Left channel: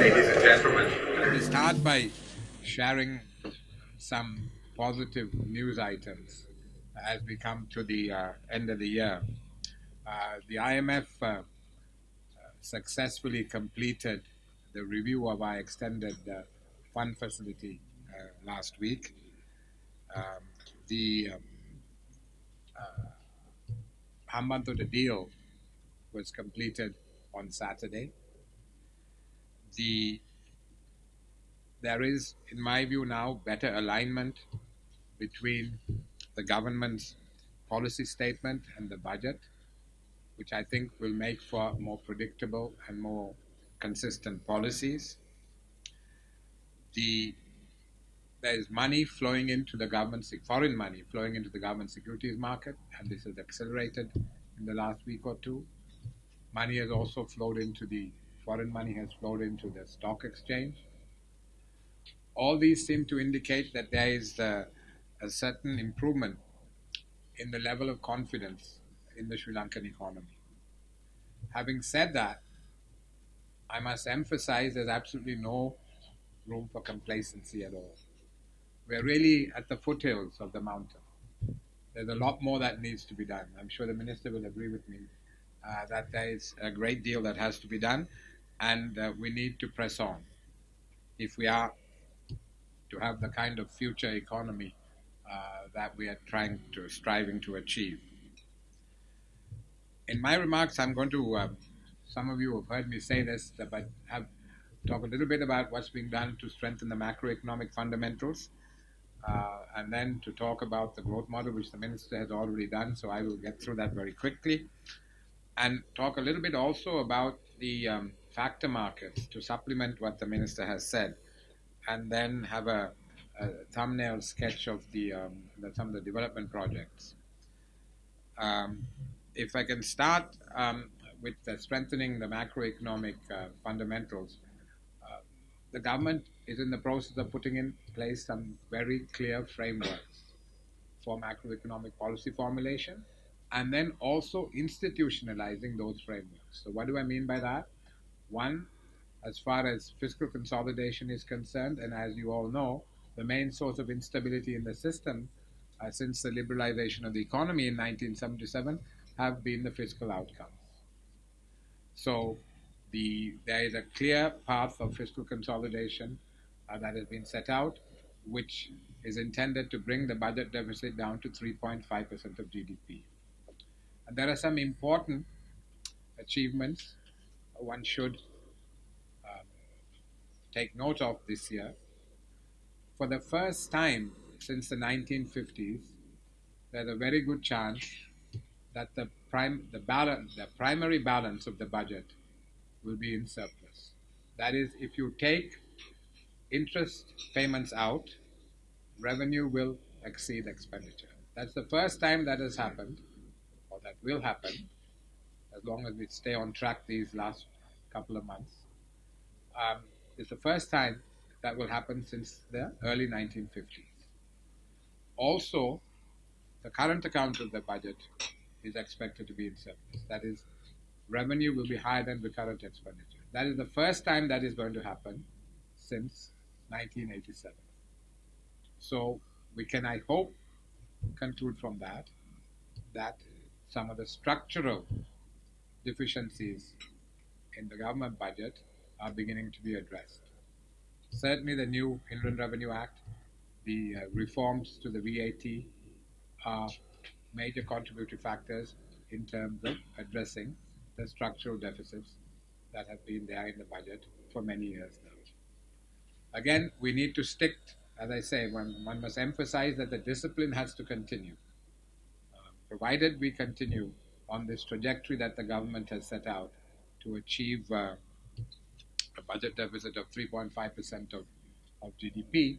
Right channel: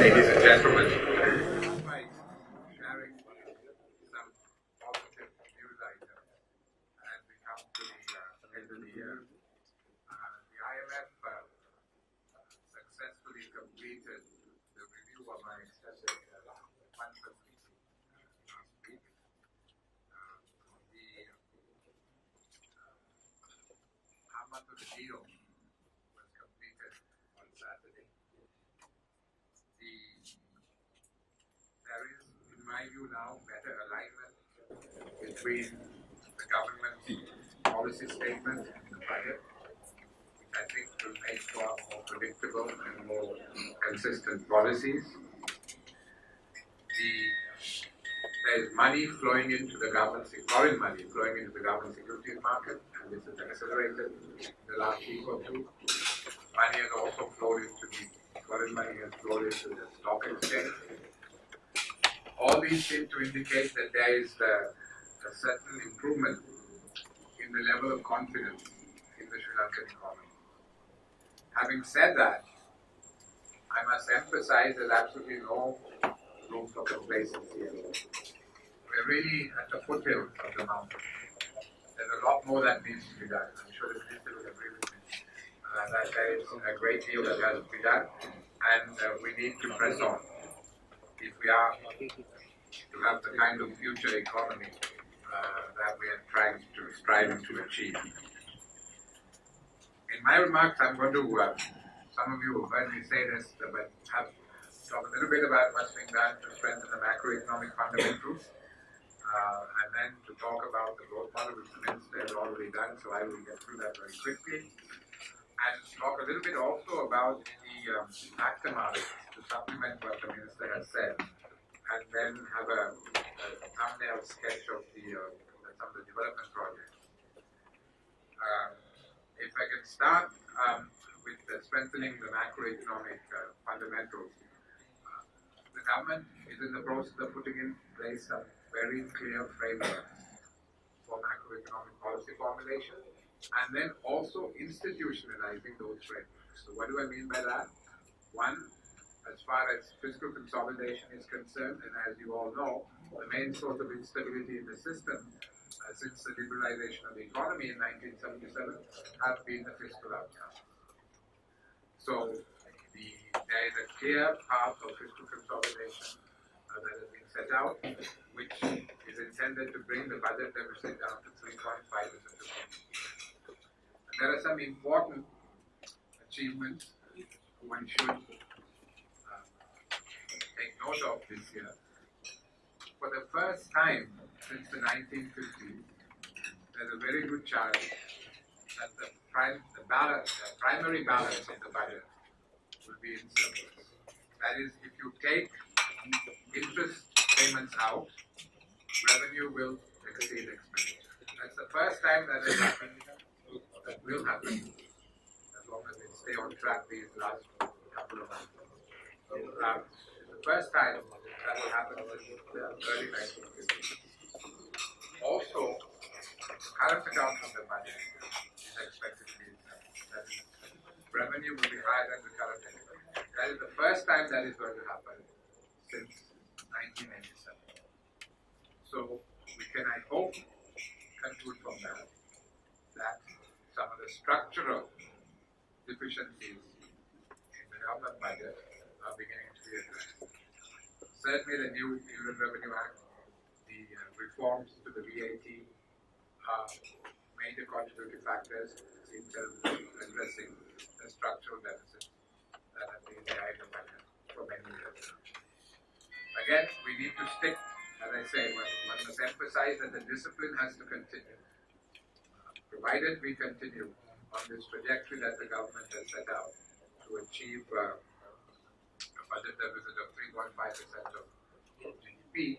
ladies and gentlemen. We start by sharing some positive news items as we come to the end of the year. The IMF successfully completed the review of our extended fund facility last week. The month of the deal was completed on Saturday. There is, in my view now, better alignment between the government's policy statement and the budget, which I think will make for more predictable and more consistent policies. There is money flowing into the government, foreign money flowing into the government securities market, and this has accelerated in the last week or two. Money has also flowed into foreign money has flowed into the stock exchange. All these seem to indicate that there is a certain improvement in the level of confidence in the Sri Lankan economy. Having said that, I must emphasize there's absolutely no room for complacency at all. We're really at the foothills of the mountain. There's a lot more that needs to be done. I'm sure the Minister will agree with me that there is a great deal that has to be done, and we need to press on if we are to have the kind of future economy that we are striving to achieve. In my remarks, I'm going to, some of you have heard me say this, but talk a little bit about what's being done to strengthen the macroeconomic fundamentals, and then to talk about the growth model, which the Minister has already done, so I will get through that very quickly. And talk a little bit also about the factor markets to supplement what the Minister has said, and then have a thumbnail sketch of some of the development projects. If I can start with strengthening the macroeconomic fundamentals, the government is in the process of putting in place some very clear frameworks for macroeconomic policy formulation, and then also institutionalizing those frameworks. So what do I mean by that? One, as far as fiscal consolidation is concerned, and as you all know, the main source of instability in the system since the liberalization of the economy in 1977 have been the fiscal outcomes. So there is a clear path of fiscal consolidation that has been set out, which is intended to bring the budget deficit down to 3.5% of GDP. And there are some important achievements one should take note of this year. For the first time since the 1950s, there's a very good chance that the primary balance of the budget will be in surplus. That is, if you take interest payments out, revenue will exceed expenditure. That's the first time that has happened, or that will happen, as long as we stay on track these last couple of months. It's the first time that will happen since the early 1950s. Also, the current account of the budget is expected to be in surplus. That is, revenue will be higher than the current expenditure. That is the first time that is going to happen since 1987. So we can, I hope, conclude from that some of the structural deficiencies in the government budget are beginning to be addressed. Certainly the new Inland Revenue Act, the reforms to the VAT are major contributory factors in terms of addressing the structural deficits that have been there in the budget for many years now. Again, we need to stick, as I say, one must emphasize that the discipline has to continue. Provided we continue on this trajectory that the government has set out to achieve a budget deficit of 3.5% of GDP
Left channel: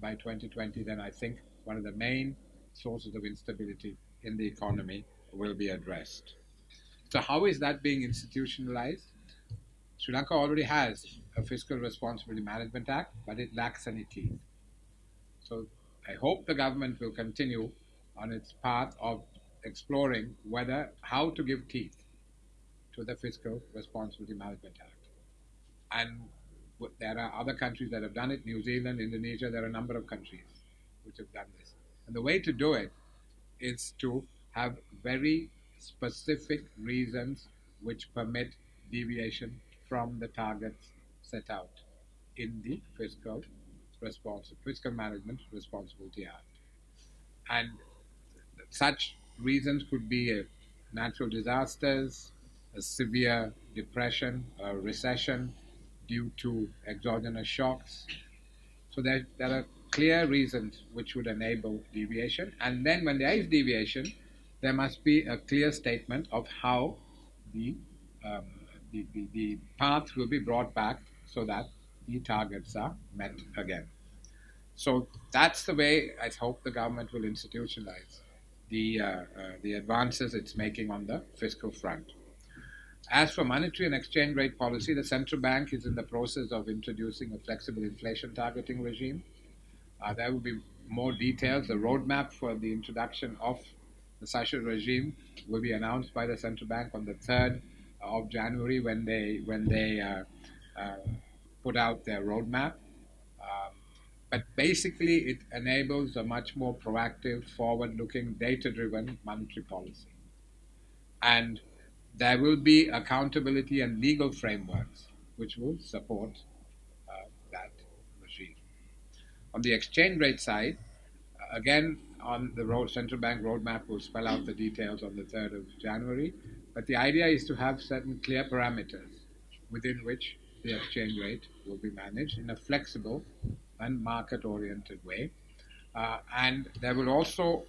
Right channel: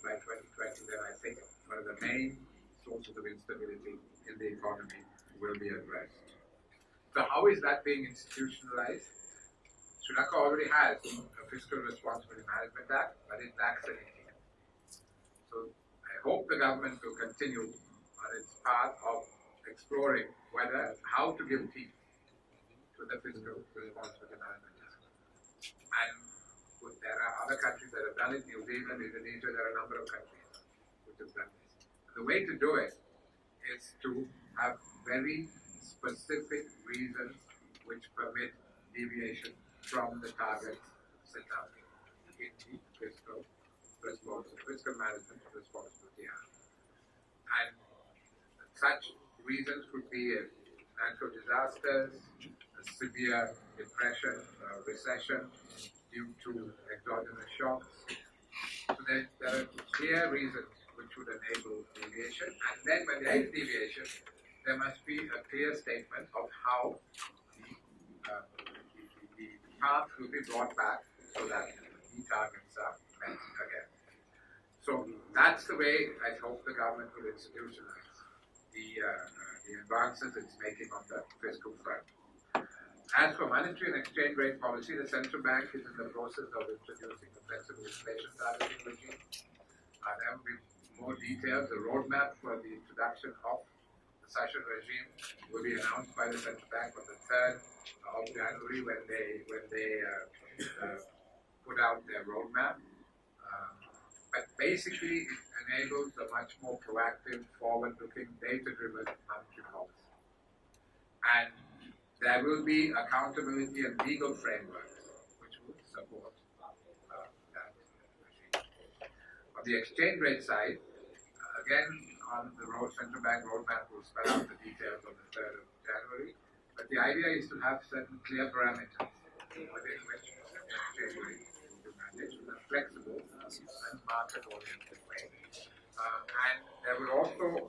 by 2020, then I think one of the main sources of instability in the economy will be addressed. So how is that being institutionalized? Sri Lanka already has a Fiscal Responsibility Management Act, but it lacks any teeth. So I hope the government will continue on its path of exploring how to give teeth to the Fiscal Responsibility Management Act. And There are other countries that have done it, New Zealand, Indonesia, there are a number of countries which have done this. And the way to do it is to have very specific reasons which permit deviation from the targets set out in the Fiscal Management Responsibility Act. And such reasons could be natural disasters, a severe depression, a recession due to exogenous shocks. So there are clear reasons which would enable deviation. And then when there is deviation, there must be a clear statement of how the path will be brought back so that the targets are met again. So that's the way I hope the government will institutionalize the advances it's making on the fiscal front. As for monetary and exchange rate policy, the central bank is in the process of introducing a flexible inflation targeting regime. There will be more details. The roadmap for the introduction of such a regime will be announced by the central bank on the 3rd of January when they put out their roadmap. But basically, it enables a much more proactive, forward-looking, data-driven monetary policy. And there will be accountability and legal frameworks which will support that regime. On the exchange rate side, again, on the central bank roadmap will spell out the details on the 3rd of January. But the idea is to have certain clear parameters within which the exchange rate will be managed in a flexible and market-oriented way. And there will also,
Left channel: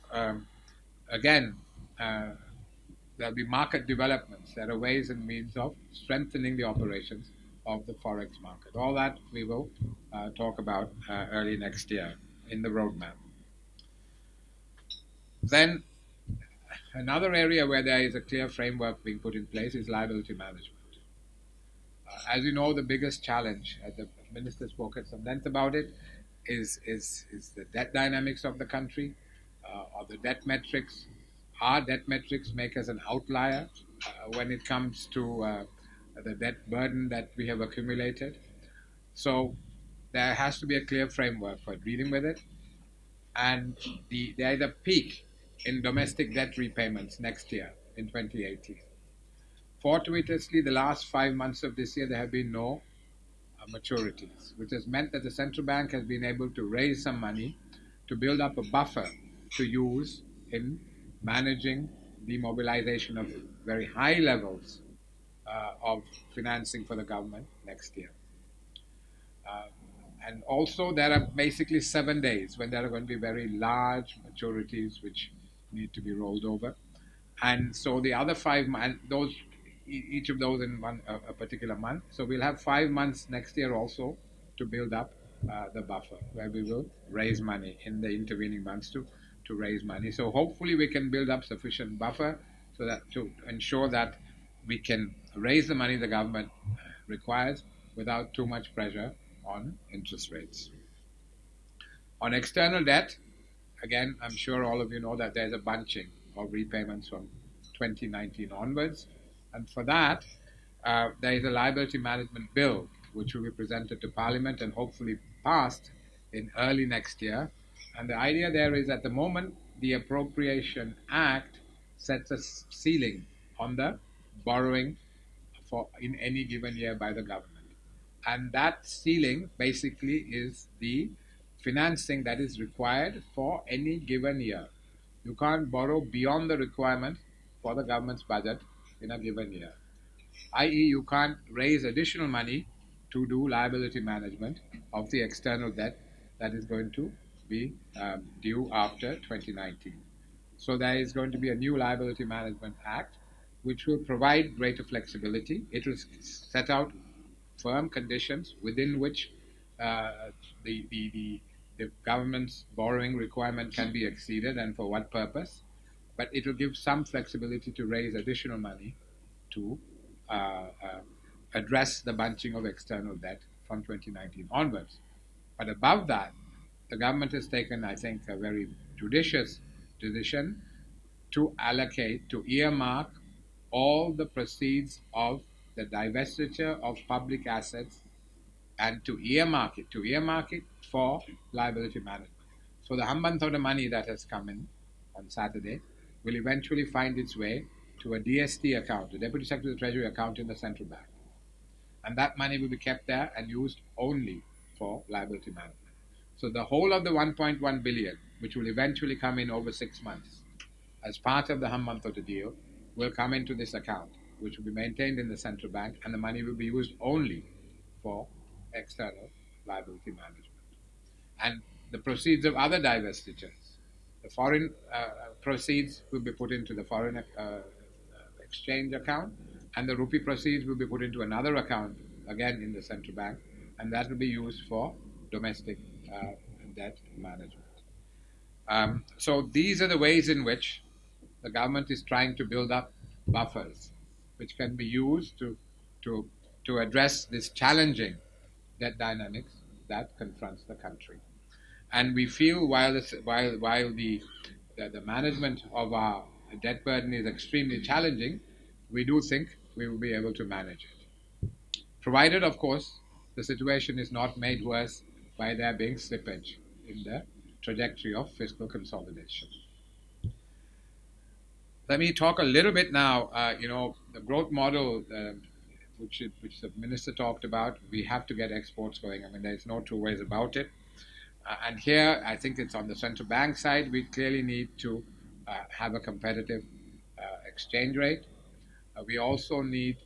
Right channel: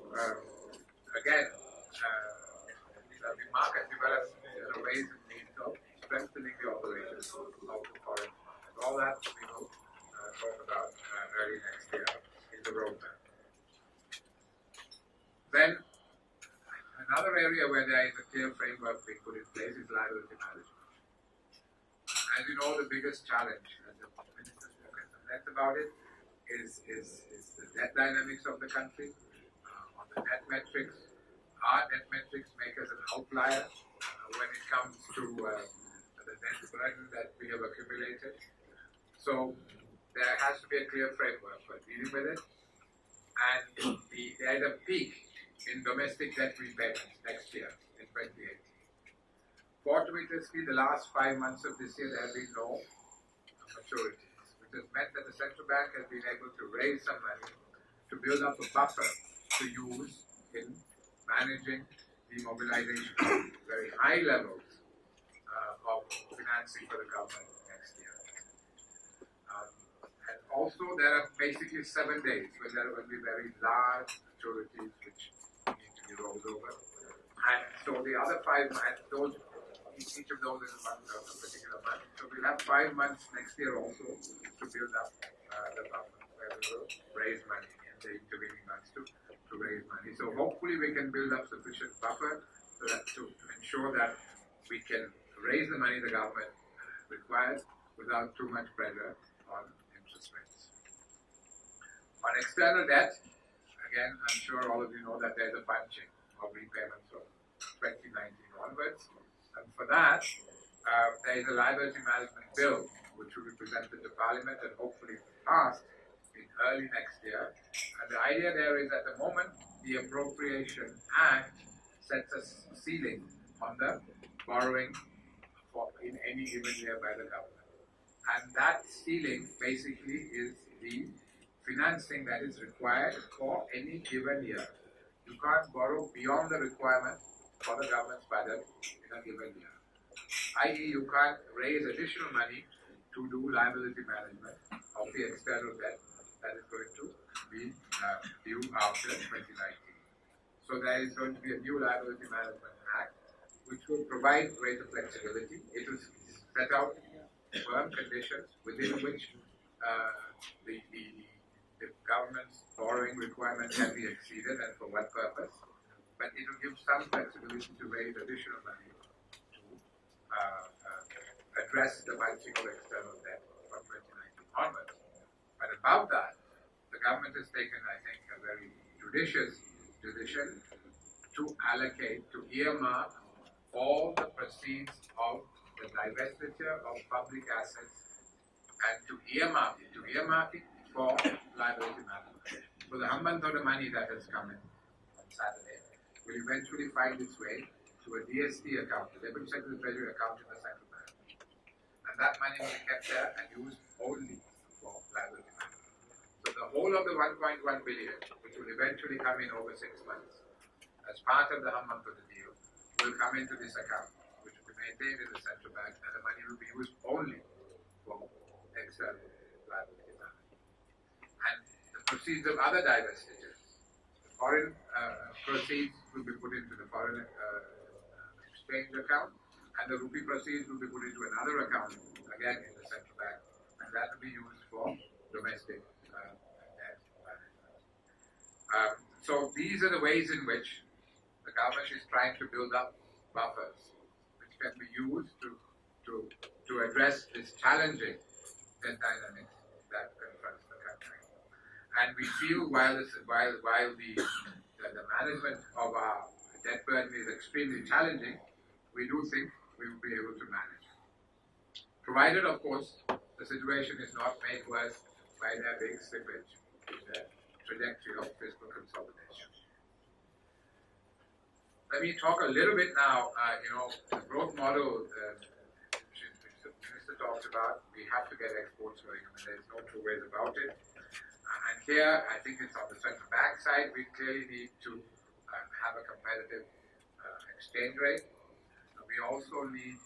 there'll be market developments. There are ways and means of strengthening the operations of the forex market. All that we will talk about early next year in the roadmap. Then another area where there is a clear framework being put in place is liability management. As you know, the biggest challenge, as the minister spoke at some length about it, is the debt dynamics of the country, or the debt metrics. Our debt metrics make us an outlier when it comes to the debt burden that we have accumulated. So there has to be a clear framework for dealing with it. And there is a peak in domestic debt repayments next year in 2018. Fortuitously, the last 5 months of this year, there have been no maturities, which has meant that the central bank has been able to raise some money to build up a buffer to use in managing the mobilization of very high levels of financing for the government next year. And also, there are basically 7 days when there are going to be very large maturities which need to be rolled over. And so the other 5 months, each of those in a particular month. So we'll have 5 months next year also to build up the buffer, where we will raise money in the intervening months to raise money. So hopefully we can build up sufficient buffer so that to ensure that we can raise the money the government requires without too much pressure on interest rates. On external debt, again, I'm sure all of you know that there's a bunching of repayments from 2019 onwards. And for that, there is a liability management bill which will be presented to Parliament and hopefully passed in early next year. And the idea there is at the moment, the Appropriation Act sets a ceiling on the borrowing in any given year by the government. And that ceiling basically is the financing that is required for any given year. You can't borrow beyond the requirement for the government's budget in a given year. I.e., you can't raise additional money to do liability management of the external debt that is going to be due after 2019. So there is going to be a new Liability Management Act which will provide greater flexibility. It will set out firm conditions within which the government's borrowing requirement can be exceeded and for what purpose. But it will give some flexibility to raise additional money to address the bunching of external debt from 2019 onwards. But above that, the government has taken, I think, a very judicious decision to allocate, to earmark all the proceeds of the divestiture of public assets and to earmark it for liability management. So the Hambantota money that has come in on Saturday will eventually find its way to a DST account, the Deputy Secretary of the Treasury account in the central bank. And that money will be kept there and used only for liability management. So the whole of the 1.1 billion, which will eventually come in over 6 months, as part of the Hambantota deal, will come into this account, which will be maintained in the central bank, and the money will be used only for external liability management. And the proceeds of other divestitures, the foreign proceeds will be put into the foreign exchange account, and the rupee proceeds will be put into another account, again in the central bank, and that will be used for domestic debt management. So these are the ways in which the government is trying to build up buffers, which can be used to address this challenging debt dynamics that confronts the country. And we feel while the management of our debt burden is extremely challenging, we do think we will be able to manage it. Provided, of course, the situation is not made worse by there being slippage in the trajectory of fiscal consolidation. Let me talk a little bit now, the growth model which the minister talked about. We have to get exports going. I mean, there's no two ways about it. And here, I think it's on the central bank side, we clearly need to have a competitive exchange rate. We also need,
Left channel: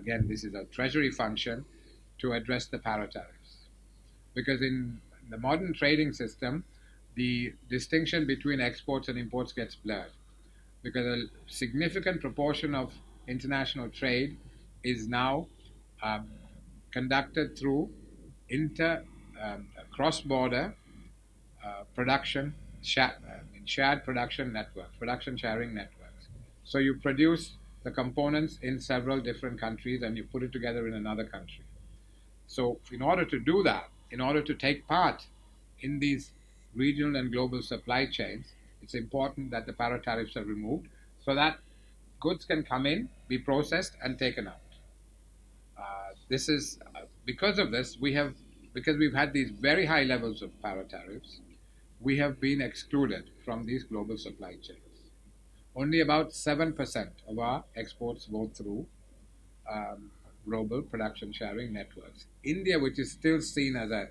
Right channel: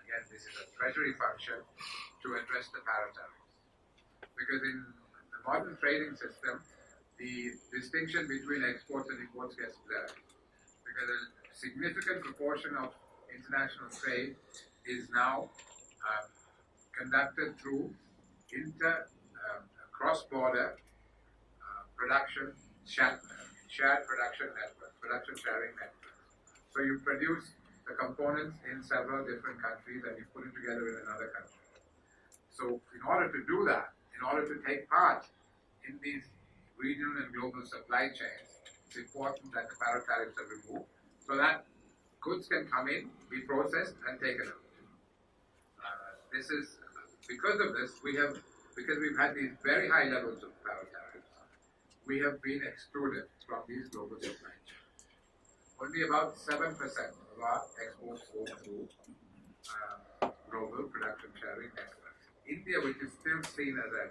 again, this is a treasury function, to address the para tariffs. Because in the modern trading system, the distinction between exports and imports gets blurred. Because a significant proportion of international trade is now conducted through cross-border production, shared production networks, production sharing networks. So you produce the components in several different countries and you put it together in another country. So in order to do that, in order to take part in these regional and global supply chains, it's important that the para tariffs are removed so that goods can come in, be processed, and taken out. This is because of this, because we've had these very high levels of para tariffs, we have been excluded from these global supply chains. Only about 7% of our exports go through global production sharing networks. India, which is still seen as a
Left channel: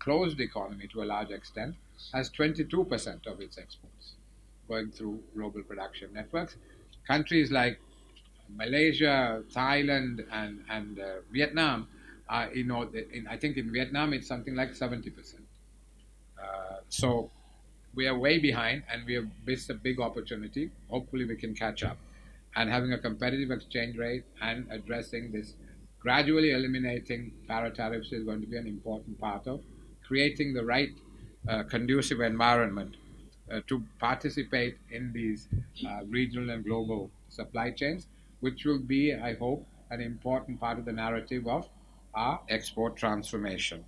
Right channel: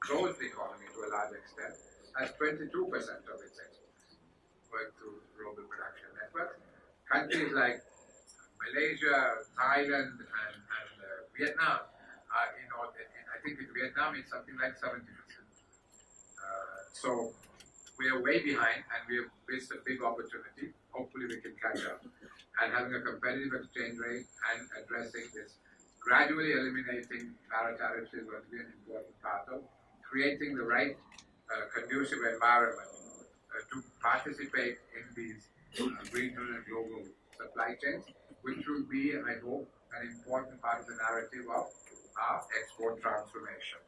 closed economy to a large extent, has 22% of its exports going through global production networks. Countries like Malaysia, Thailand, and Vietnam are, I think in Vietnam it's something like 70%. So we are way behind and we have missed a big opportunity. Hopefully we can catch up. And having a competitive exchange rate and addressing this, gradually eliminating para tariffs is going to be an important part of creating the right conducive environment to participate in these regional and global supply chains, which will be, I hope, an important part of the narrative of our export transformation.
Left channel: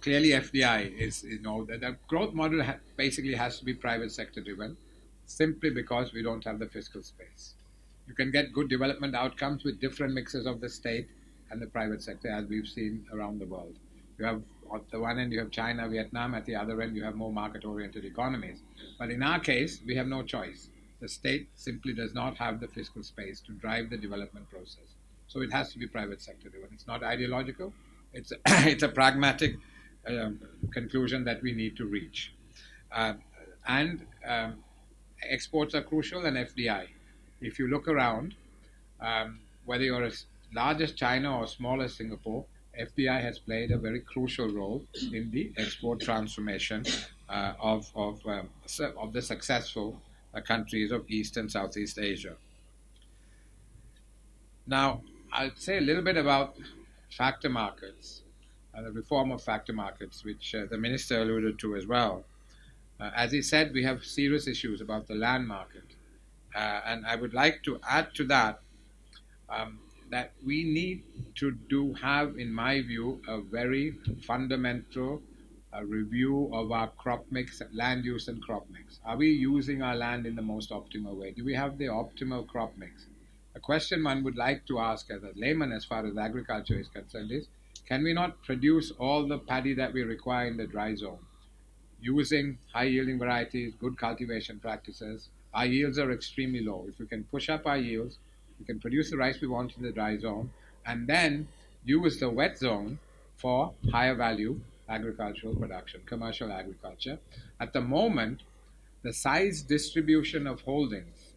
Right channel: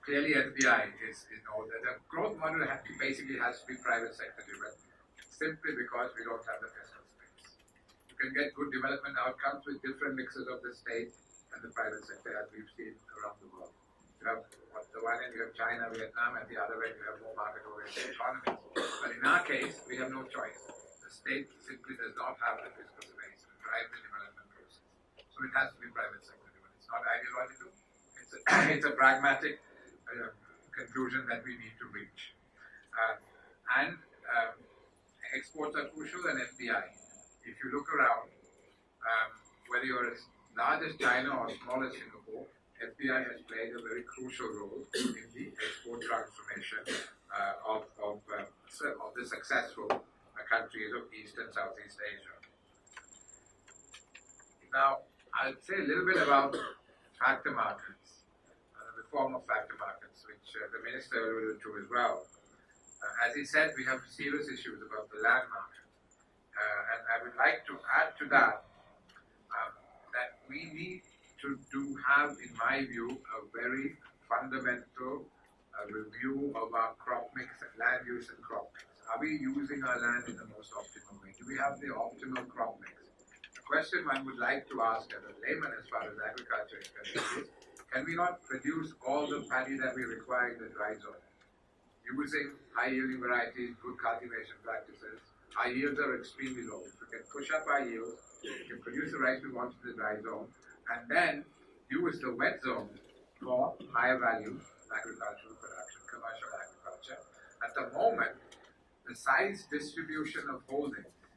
Clearly, FDI is, the growth model basically has to be private sector driven, simply because we don't have the fiscal space. You can get good development outcomes with different mixes of the state and the private sector, as we've seen around the world. You have, at the one end, you have China, Vietnam. At the other end, you have more market-oriented economies. But in our case, we have no choice. The state simply does not have the fiscal space to drive the development process. So it has to be private sector driven. It's not ideological. It's a pragmatic conclusion that we need to reach. Exports are crucial, and FDI. If you look around, whether you're as large as China or small as Singapore, FDI has played a very crucial role in the export transformation of the successful countries of East and Southeast Asia. Now, I'll say a little bit about factor markets, the reform of factor markets, which the minister alluded to as well. As he said, we have serious issues about the land market. And I would like to add to that that we need to have, in my view, a very fundamental review of our crop mix, land use and crop mix. Are we using our land in the most optimal way? Do we have the optimal crop mix? The question one would like to ask as a layman as far as agriculture is concerned is, can we not produce all the paddy that we require in the dry zone? Using high yielding varieties, good cultivation practices, our yields are extremely low. If we can push up our yields, we can produce the rice we want in the dry zone, and then use the wet zone for higher value agricultural production, commercial agriculture. At the moment, the size distribution of holdings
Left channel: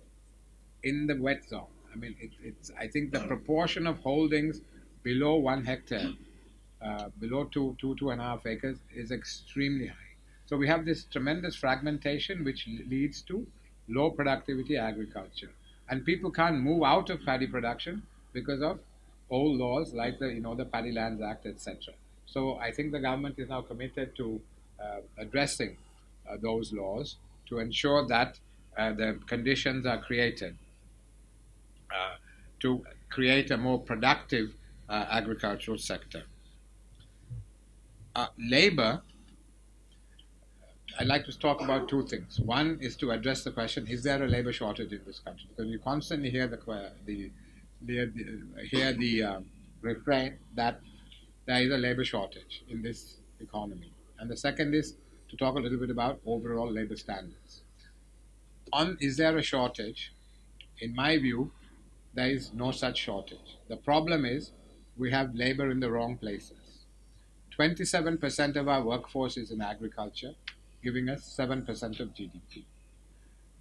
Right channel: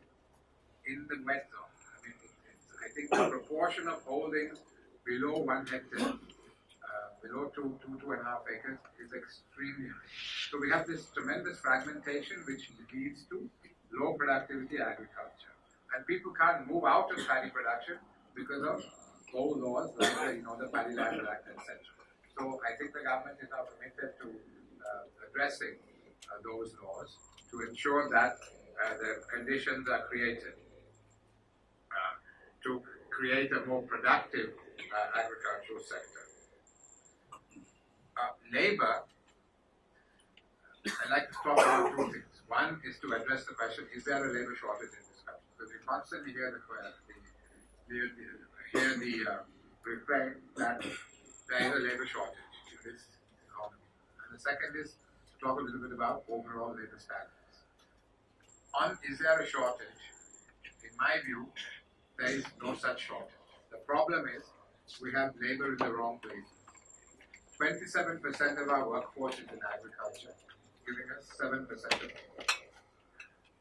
in the wet zone, I mean, I think the proportion of holdings below 1 hectare, below two and a half acres, is extremely high. So we have this tremendous fragmentation which leads to low productivity agriculture. And people can't move out of paddy production because of old laws like the Paddy Land Act, etc. So I think the government is now committed to addressing those laws to ensure that the conditions are created to create a more productive agricultural sector. Labor, I'd like to talk about two things. One is to address the question: is there a labor shortage in this country? Because we constantly hear the refrain that there is a labor shortage in this economy. And the second is to talk a little bit about overall labor standards. Is there a shortage? In my view, there is no such shortage. The problem is we have labor in the wrong places. 27% of our workforce is in agriculture, giving us 7% of GDP.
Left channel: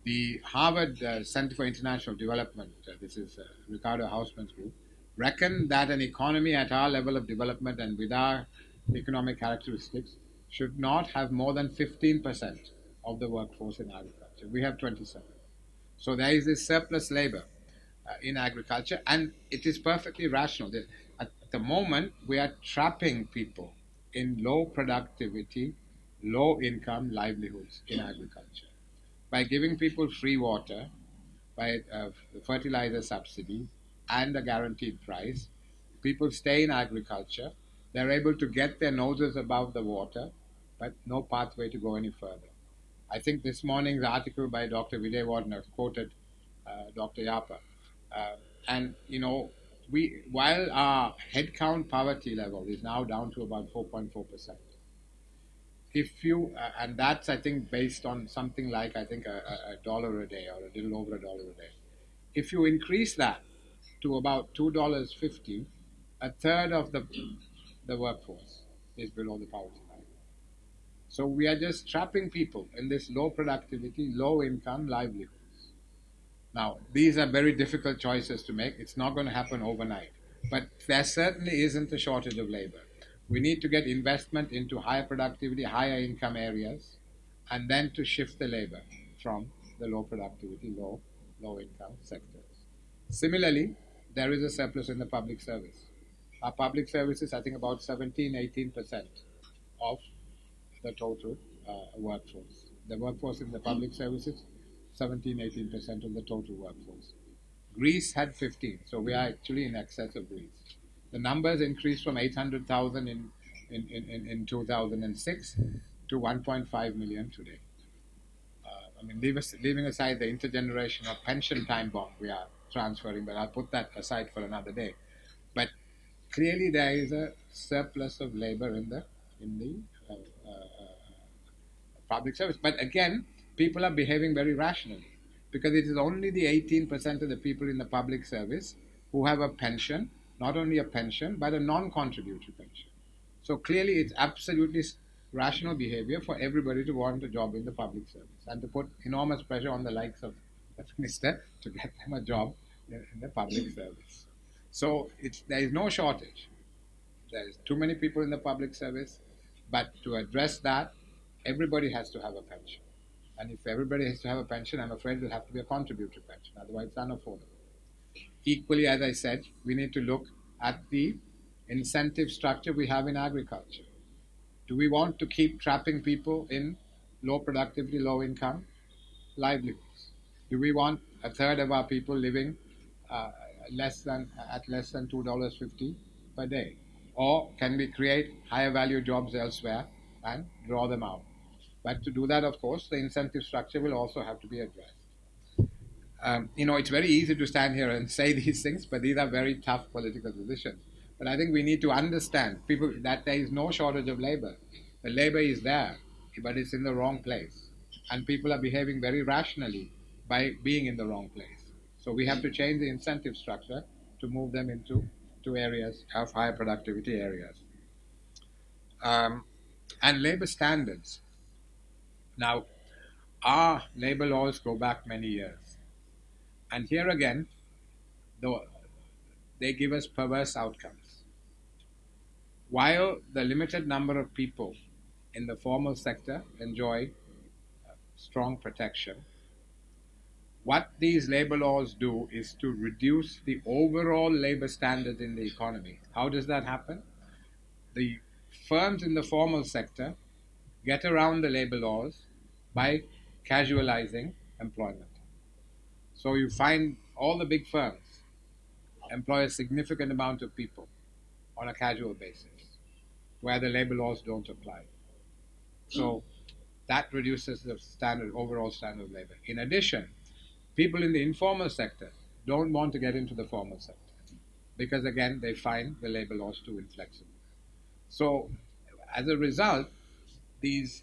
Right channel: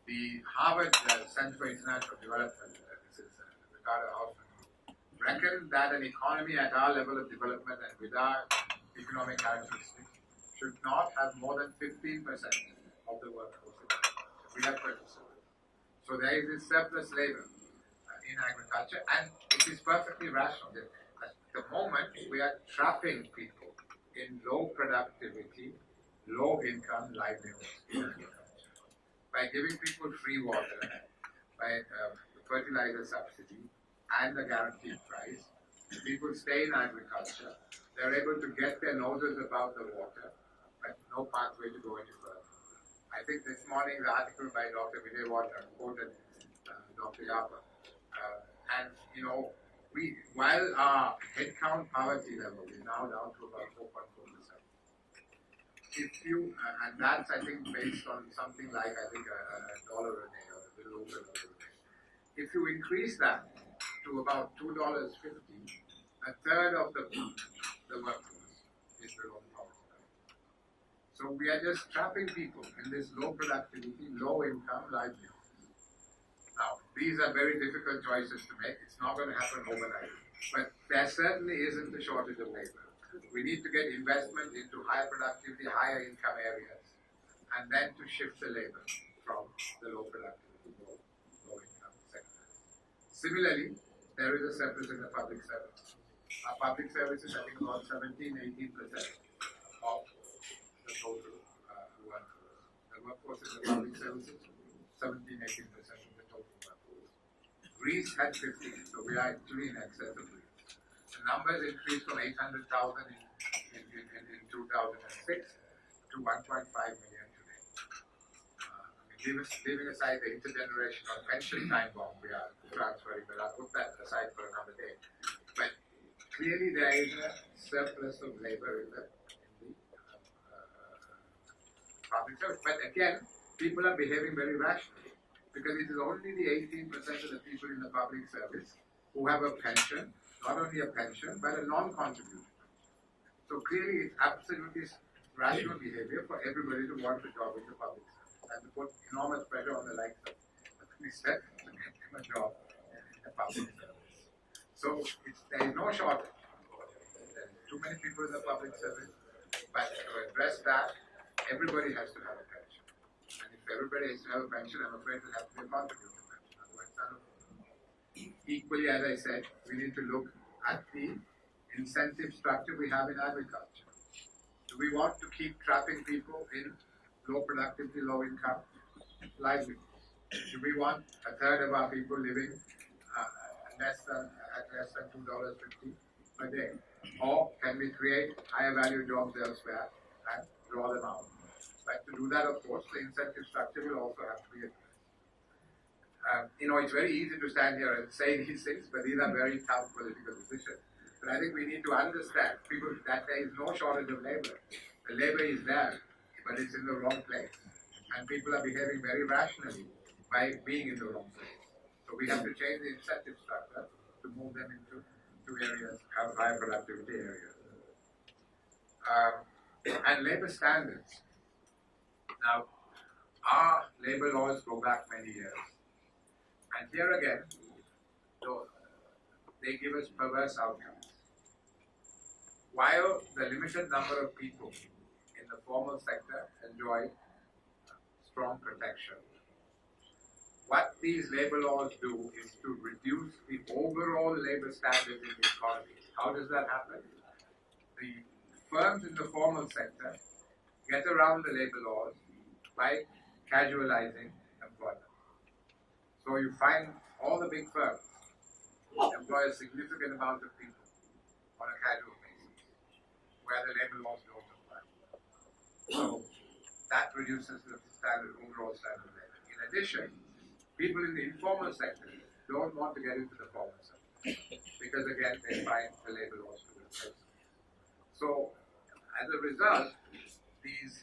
The Harvard Center for International Development, this is Ricardo Hausman's group, reckon that an economy at our level of development and with our economic characteristics should not have more than 15% of the workforce in agriculture. We have 27. So there is this surplus labor in agriculture, and it is perfectly rational. At the moment, we are trapping people in low productivity, low income livelihoods in agriculture. By giving people free water, by fertilizer subsidy and a guaranteed price, people stay in agriculture. They're able to get their noses above the water, but no pathway to go any further. I think this morning's article by Dr. Vijay Wardner quoted Dr. Yapa. While our headcount poverty level is now down to about 4.4%, and that's I think based on something like a dollar a day or a little over $1 a day. If you increase that to about $2.50, a third of the workforce is below the poverty line. So we are just trapping people in this low productivity, low income livelihoods. Now, these are very difficult choices to make. It's not going to happen overnight. But there certainly isn't a shortage of labor. We need to get investment into higher productivity, higher income areas, and then to shift the labor from the low productivity, low income sectors. Similarly, there is a surplus in the public service. Our public services, I think about 17-18% of the total workforce. The workforce in the public services, 17-18% of the total workforce. Greece had 15, so we are actually in excess of Greece. The numbers increased from 800,000 in 2006 to 1.5 million today. Leaving aside the intergenerational pension time bomb we are transferring, but I'll put that aside for another day. But clearly there is a surplus of labor in the public service. But again, people are behaving very rationally, because it is only the 18% of the people in the public service who have a pension, not only a pension, but a non-contributory pension. So clearly it's absolutely rational behavior for everybody to want a job in the public service and to put enormous pressure on the likes of the minister to get them a job in the public service. So there is no shortage. There is too many people in the public service, but to address that, everybody has to have a pension. And if everybody has to have a pension, I'm afraid it'll have to be a contributory pension, otherwise it's unaffordable. Equally, as I said, we need to look at the incentive structure we have in agriculture. Do we want to keep trapping people in low productivity, low income livelihoods? Do we want a third of our people living at less than $2.50 per day? Or can we create higher value jobs elsewhere and draw them out? But to do that, of course, the incentive structure will also have to be addressed. It's very easy to stand here and say these things, but these are very tough political decisions. But I think we need to understand people that there is no shortage of labor. The labor is there, but it's in the wrong place, and people are behaving very rationally by being in the wrong place. So we have to change the incentive structure to move them into areas of higher productivity areas. And labor standards. Now, our labor laws go back many years. And here again, they give us perverse outcomes. While the limited number of people in the formal sector enjoy strong protection, what these labor laws do is to reduce the overall labor standard in the economy. How does that happen? The firms in the formal sector get around the labor laws by casualizing employment. So you find all the big firms employ a significant amount of people on a casual basis, where the labor laws don't apply. So that reduces the overall standard of labor. In addition, people in the informal sector don't want to get into the formal sector because, again, they find the labor laws too inflexible. So as a result, these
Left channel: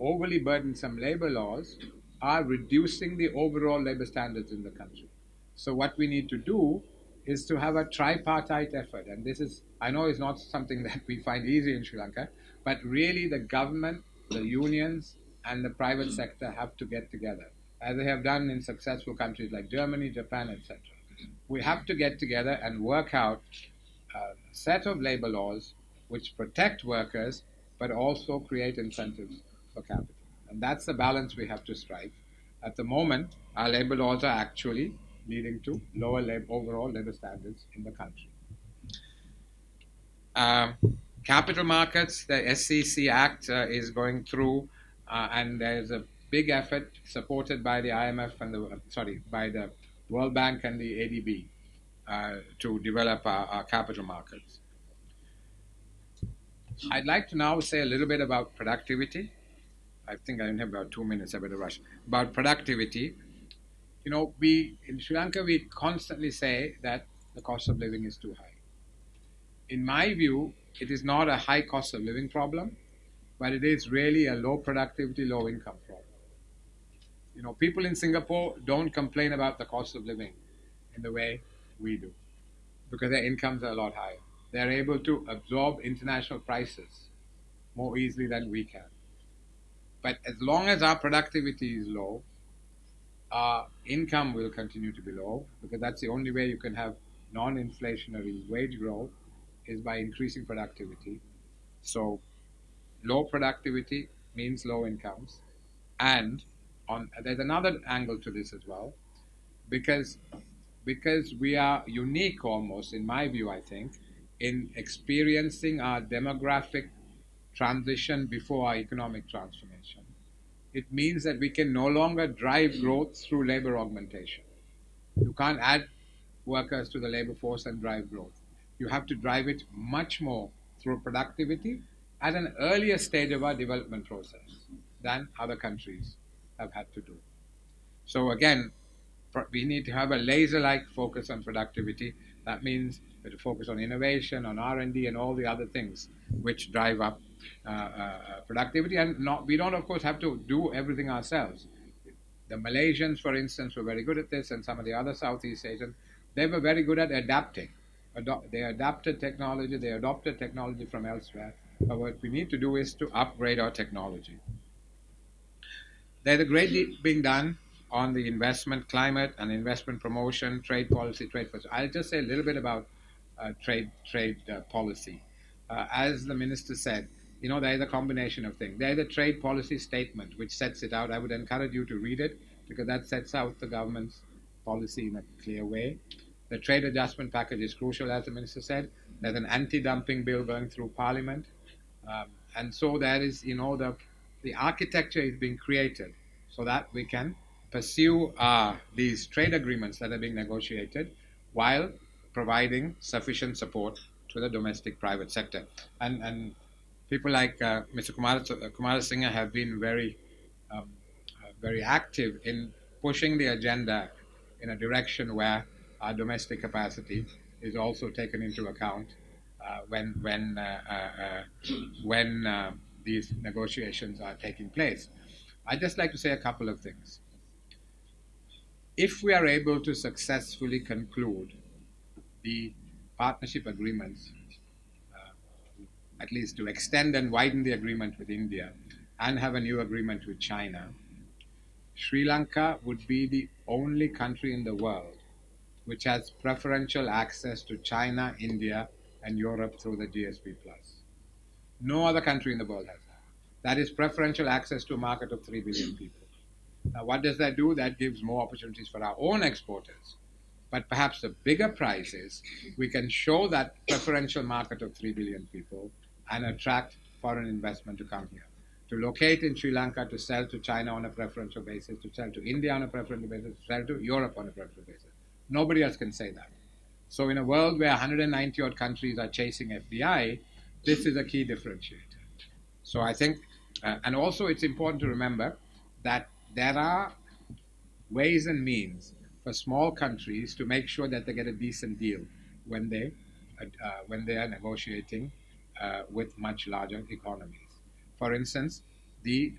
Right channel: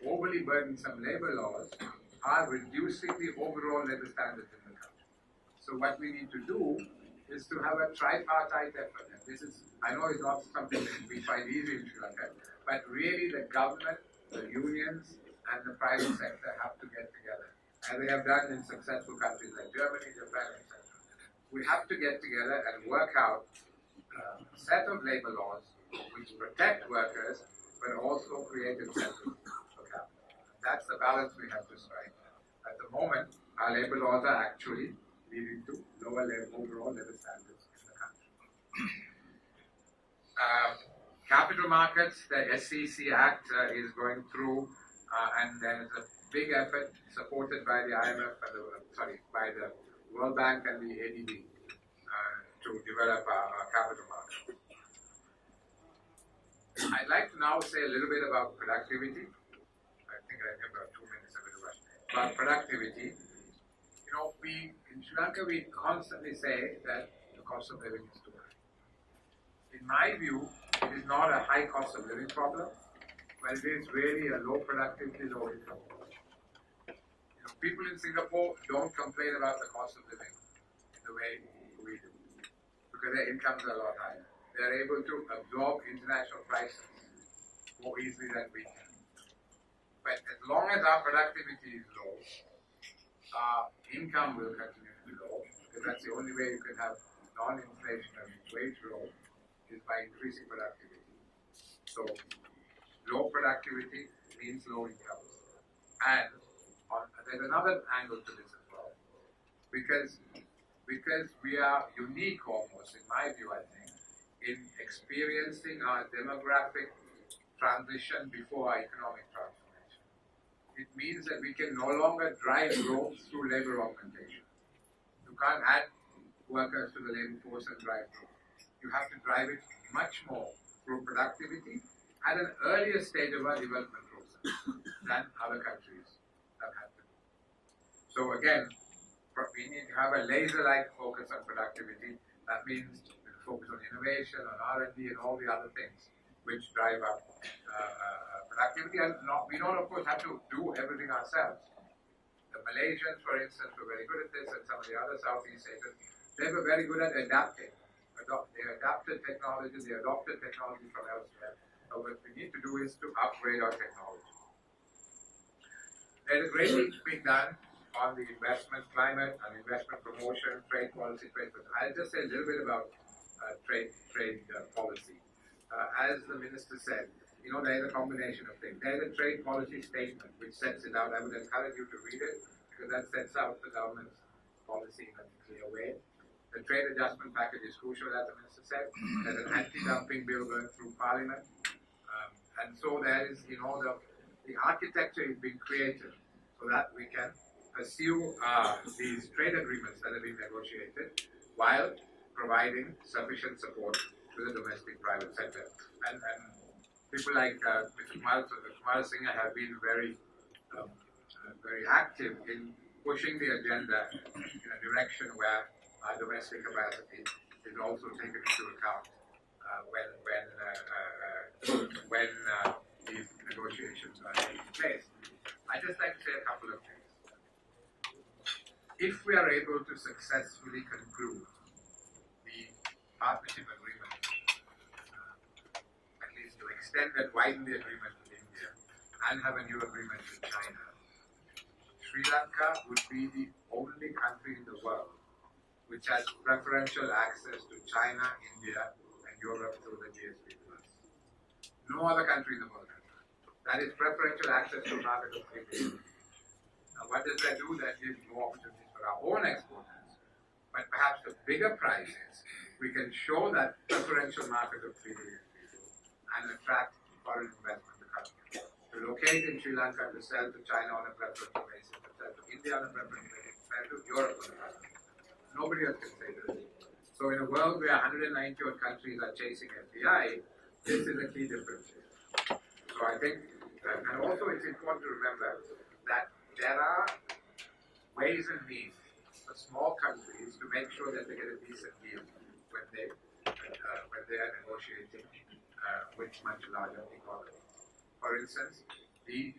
overly burdensome labor laws are reducing the overall labor standards in the country. So what we need to do is to have a tripartite effort, and this is, I know, is not something that we find easy in Sri Lanka, but really the government, the unions, and the private sector have to get together, as they have done in successful countries like Germany, Japan, etc. We have to get together and work out a set of labor laws which protect workers but also create incentives for capital. And that's the balance we have to strike. At the moment, our labor laws are actually leading to lower overall labor standards in the country. Capital markets, the SEC Act is going through, and there's a big effort supported by the IMF and by the World Bank and the ADB to develop our capital markets. I'd like to now say a little bit about productivity. I think I only have about 2 minutes, I better rush. About productivity. We in Sri Lanka, we constantly say that the cost of living is too high. In my view, it is not a high cost of living problem, but it is really a low productivity, low income problem. People in Singapore don't complain about the cost of living in the way we do, because their incomes are a lot higher. They're able to absorb international prices more easily than we can. But as long as our productivity is low, our income will continue to be low, because that's the only way you can have non-inflationary wage growth is by increasing productivity. So low productivity means low incomes. And there's another angle to this as well, because we are unique almost, in my view, I think, in experiencing our demographic transition before our economic transformation. It means that we can no longer drive growth through labor augmentation. You can't add workers to the labor force and drive growth. You have to drive it much more through productivity at an earlier stage of our development process than other countries have had to do. So again, we need to have a laser-like focus on productivity. That means we have to focus on innovation, on R&D, and all the other things which drive up productivity. And we don't, of course, have to do everything ourselves. The Malaysians, for instance, were very good at this, and some of the other Southeast Asians, they were very good at adapting. They adapted technology, they adopted technology from elsewhere. But what we need to do is to upgrade our technology. There's a great deal being done on the investment climate and investment promotion, trade policy. I'll just say a little bit about trade policy. As the minister said, there is a combination of things. There is a trade policy statement which sets it out. I would encourage you to read it, because that sets out the government's policy in a clear way. The trade adjustment package is crucial, as the minister said. There's an anti-dumping bill going through Parliament. And so there is, the architecture is being created so that we can pursue these trade agreements that are being negotiated while providing sufficient support to the domestic private sector. And people like Mr. Coomarasway have been very active in pushing the agenda in a direction where our domestic capacity is also taken into account when these negotiations are taking place. I'd just like to say a couple of things. If we are able to successfully conclude the partnership agreements, at least to extend and widen the agreement with India and have a new agreement with China, Sri Lanka would be the only country in the world which has preferential access to China, India, and Europe through the GSP+. No other country in the world has that. That is preferential access to a market of 3 billion people. Now, what does that do? That gives more opportunities for our own exporters. But perhaps the bigger prize is we can show that preferential market of 3 billion people and attract foreign investment to come here, to locate in Sri Lanka, to sell to China on a preferential basis, to sell to India on a preferential basis, to sell to Europe on a preferential basis. Nobody else can say that. So in a world where 190 odd countries are chasing FDI, this is a key differentiator. So I think, and also it's important to remember that there are ways and means for small countries to make sure that they get a decent deal when they are negotiating with much larger economies. For instance, the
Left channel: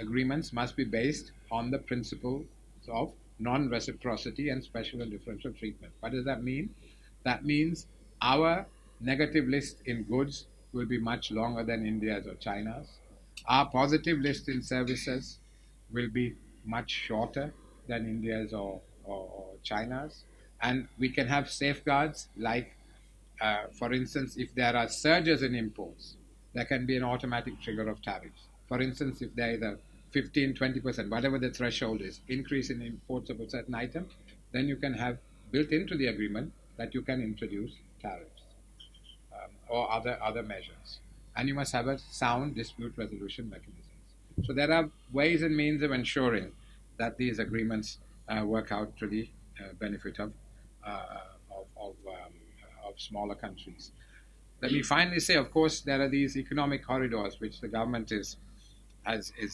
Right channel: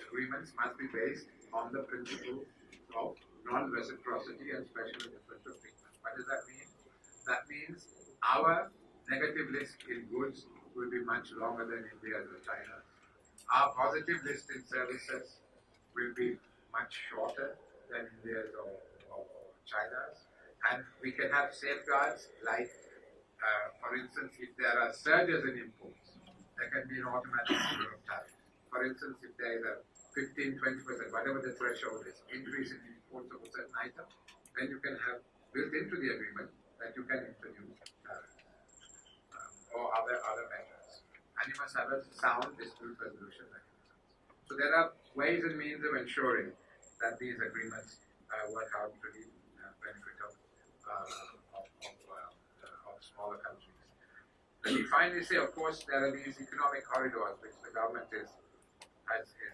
agreements must be based on the principles of non-reciprocity and special and differential treatment. What does that mean? That means our negative list in goods will be much longer than India's or China's. Our positive list in services will be much shorter than India's or China's. And we can have safeguards like, for instance, if there are surges in imports, there can be an automatic trigger of tariffs. For instance, if there is a 15, 20%, whatever the threshold is, increase in imports of a certain item, then you can have built into the agreement that you can introduce tariffs or other measures. And you must have a sound dispute resolution mechanism. So there are ways and means of ensuring that these agreements work out to the benefit of smaller countries. Let me finally say, of course, there are these economic corridors which the government is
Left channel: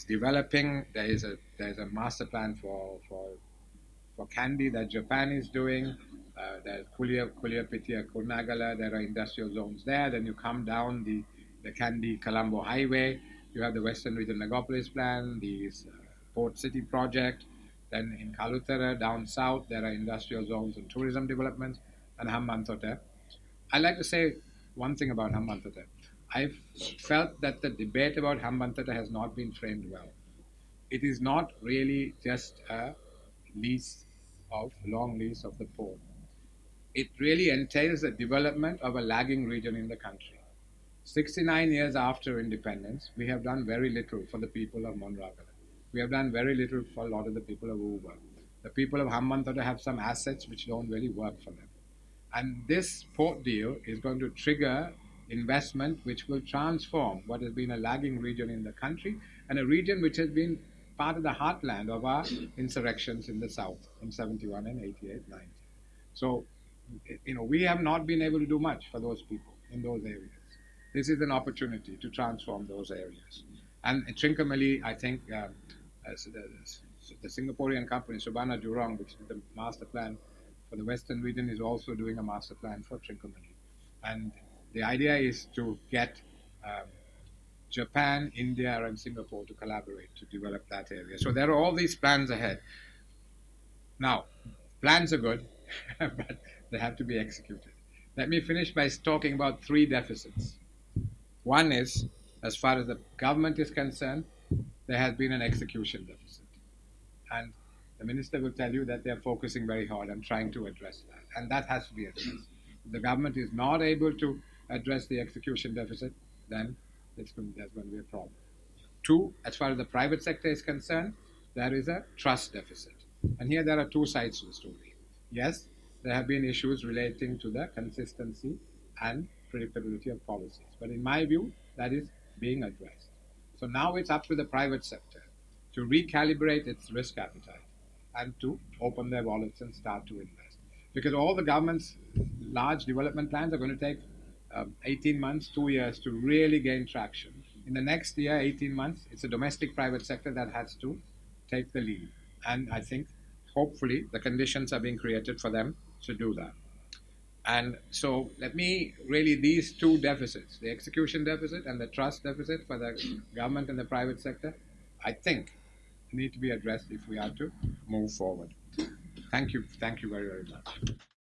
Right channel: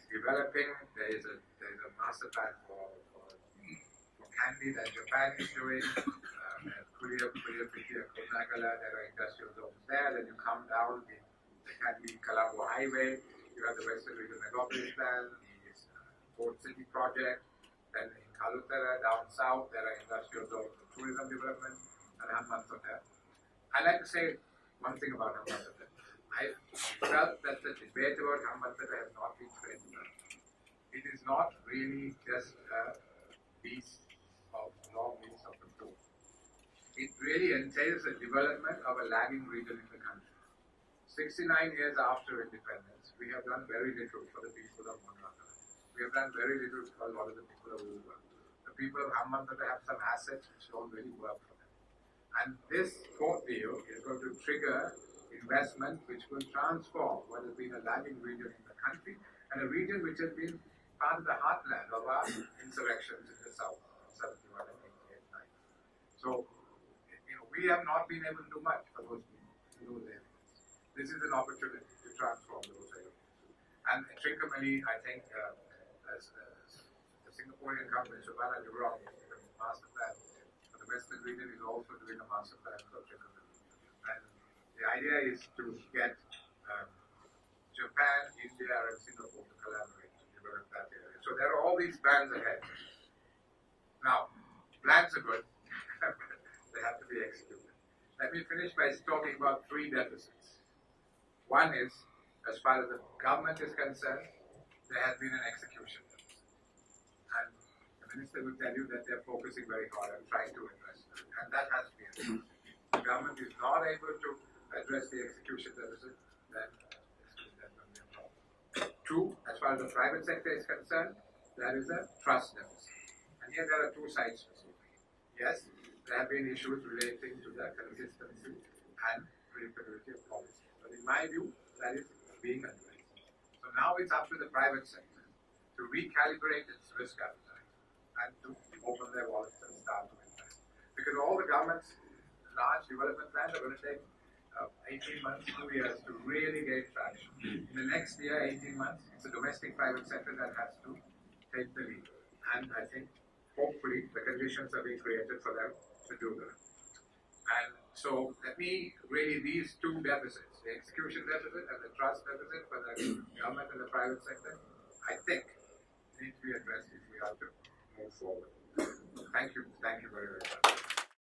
developing. There is a master plan for candy that Japan is doing. There's Puliyapitiya, Kurunagala. There are industrial zones there. Then you come down the Kandy Colombo Highway. You have the Western Region Megapolis Plan, the Port City Project. Then in Kalutara, down south, there are industrial zones and tourism development, and Hambantota. I like to say one thing about Hambantota. I've felt that the debate about Hambantota has not been framed well. It is not really just a long lease of the port. It really entails the development of a lagging region in the country. 69 years after independence, we have done very little for the people of Monragala. We have done very little for a lot of the people of Uber. The people of Hambantota have some assets which don't really work for them. And this port deal is going to trigger investment which will transform what has been a lagging region in the country and a region which has been part of the heartland of our insurrections in the south in 71 and 88, 90. So, we have not been able to do much for those people in those areas. This is an opportunity to transform those areas. And Trincomalee, I think, the Singaporean company, Surbana Jurong, which is the master plan for the Western region, is also doing a master plan for Trincomalee. And the idea is to get Japan, India, and Singapore to collaborate to develop that area. So there are all these plans ahead. Now, plans are good, but they have to be executed. Let me finish by talking about 3 deficits. One is, as far as the government is concerned, there has been an execution deficit. And the minister will tell you that they are focusing very hard and trying to address that. And that has to be addressed. If the government is not able to address the execution deficit, then there's going to be a problem. 2, as far as the private sector is concerned, there is a trust deficit. And here there are 2 sides to the story. Yes, there have been issues relating to the consistency and predictability of policies. But in my view, that is being addressed. So now it's up to the private sector to recalibrate its risk appetite and to open their wallets and start to invest. Because all the government's large development plans are going to take 18 months, 2 years to really gain traction. In the next year, 18 months, it's the domestic private sector that has to take the lead. And I think hopefully the conditions are being created for them to do that. And so let me really, these two deficits, the execution deficit and the trust deficit for the government and the private sector, I think need to be addressed if we are to move forward. Thank you very, very much.